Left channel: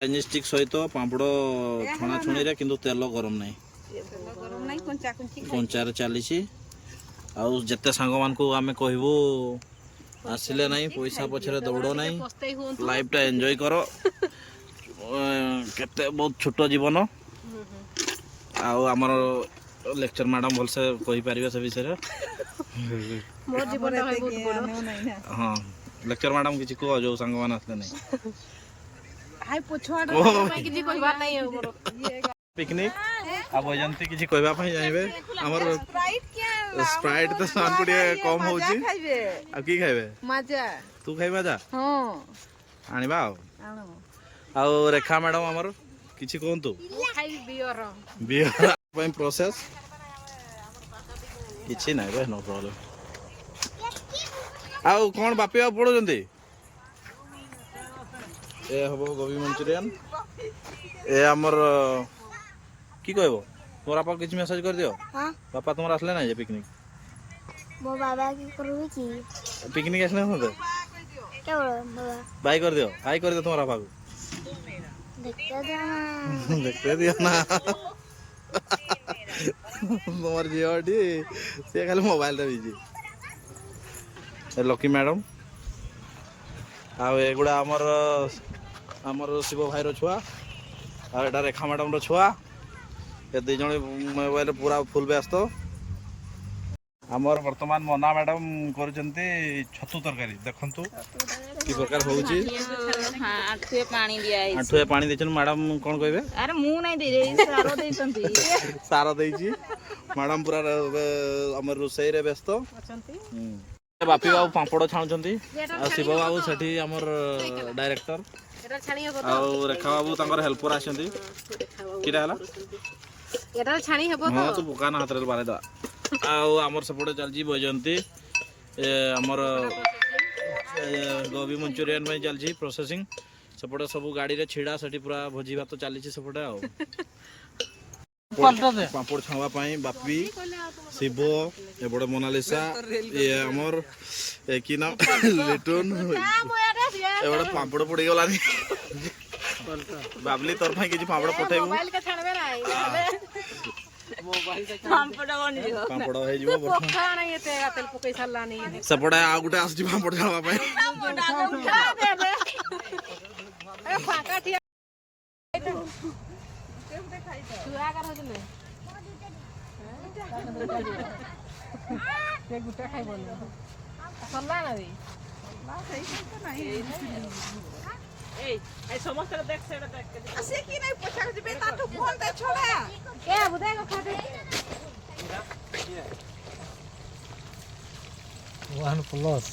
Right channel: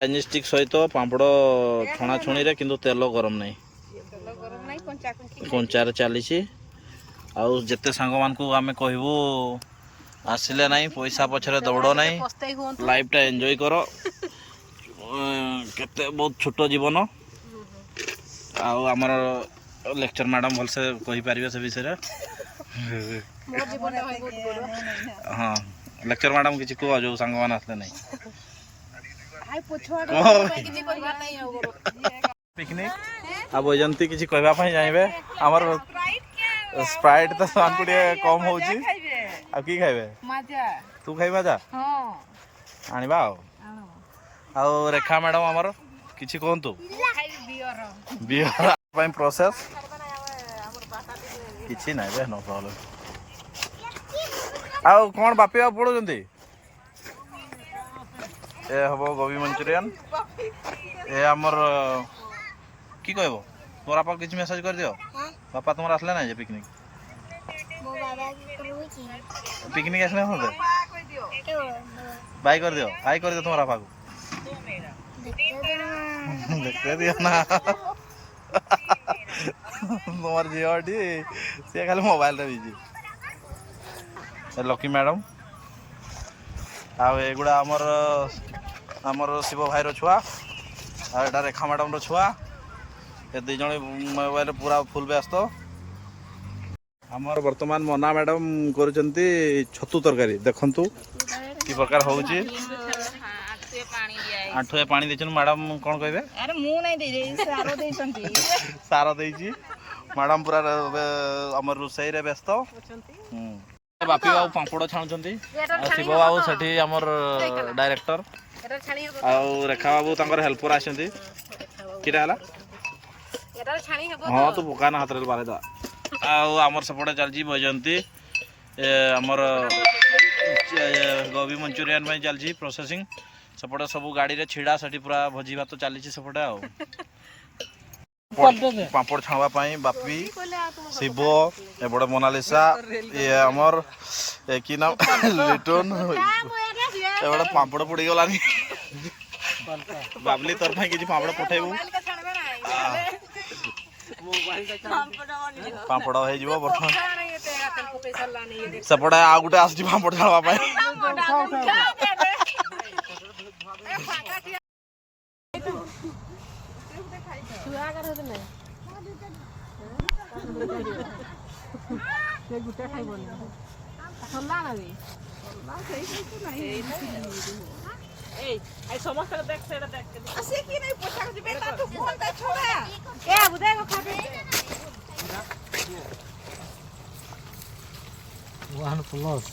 Chinese stick सहित पापड़ छणा छुणी रे किंतु तेल गरम नहीं कंचार चली आउ जिते सांग मान को आम कहबू आसिले नहीं पैसा पछरे दौड़ नहीं लाइफ टा एंजॉय कर केते बहुत छोट जीवन आउ आमर लेक्चर मैडम भलसे कहि पारिबे से विषय मोर जीवन टा बहुत बड़ हाँ लेक्चर मैडम किछि को जो सांग मान आसले नहीं हाय पछुआ किछि कहबा नहीं हो पिकनिक अब एजंती किछि कहबा पई जाइबे हमर स्प्राइट तो सान को कम होउची अब की खाइबे मजा तू खाइबा जा हां आनिबा आउ रेखा मैडम हमर किछि कोंतु खाइ बियर बियर पई प्रोसेस किछि नै रे नो प्रॉब्लम आउ कोन बापी आ पडो जंती ए हबो गोभी मंचूरियन ए हमर की कहबो तोरा पर किछ मेसेज कर दियो हां पापा तुमरा आसले ना जे पिकनिक मो बाबा की करूची पिकनिक आसले होते तो बाबा बाय कर दियो तुम्हारा बाबू देखते दिया ना तुम्हार झीटी सी खाली मोबाइल रे बिजी लकी मैडम आगुड़ा आमर शिव भाई छुआ आ रेखा मैडम छुआ ये दुई जन मोबाइल पूरा फुल व्यस्त आमर वर्तमान मना मैडम कर छतु तरकारी देखु कि प्रकार होउची आंठुए पानी देछन मैडम कौन कहबे अरे मु नहीं दे सारो देछंती सारो देइची मैडम पूरा हमर रोसई रे व्यस्त बापी बाबू पापड़ छाणुचंती आ शिव बाबू सेठी हमर डायरेक्टर एटा छाणी हो आ रेखा बाबू तांकर हेल्पर आछंती किरा हला एटा छाणी हो हां तू बुकाना हाथ रे बारे दा आ हमर सपोर्ट चलजी बजंती हमर गोभी मंचूरियन में चलजी प्रोसेसिंग सपोर्ट सब गाड़ी रे छिड़ा सेठी पूरा भोजी भात चली सपोर्ट आ पापड़ छाणवा पाई बापी शिव ए बड़ मोनालिसा ये हमर की नाम लिटन ए बड़ पापड़ पड़ी गलानी बाबली तोर भाई किछि पापड़ पठेबू पापड़ हो जीवो बर्तमान सपड़ा आ गुटे आसी पापड़ छाणवा पाई OnePlus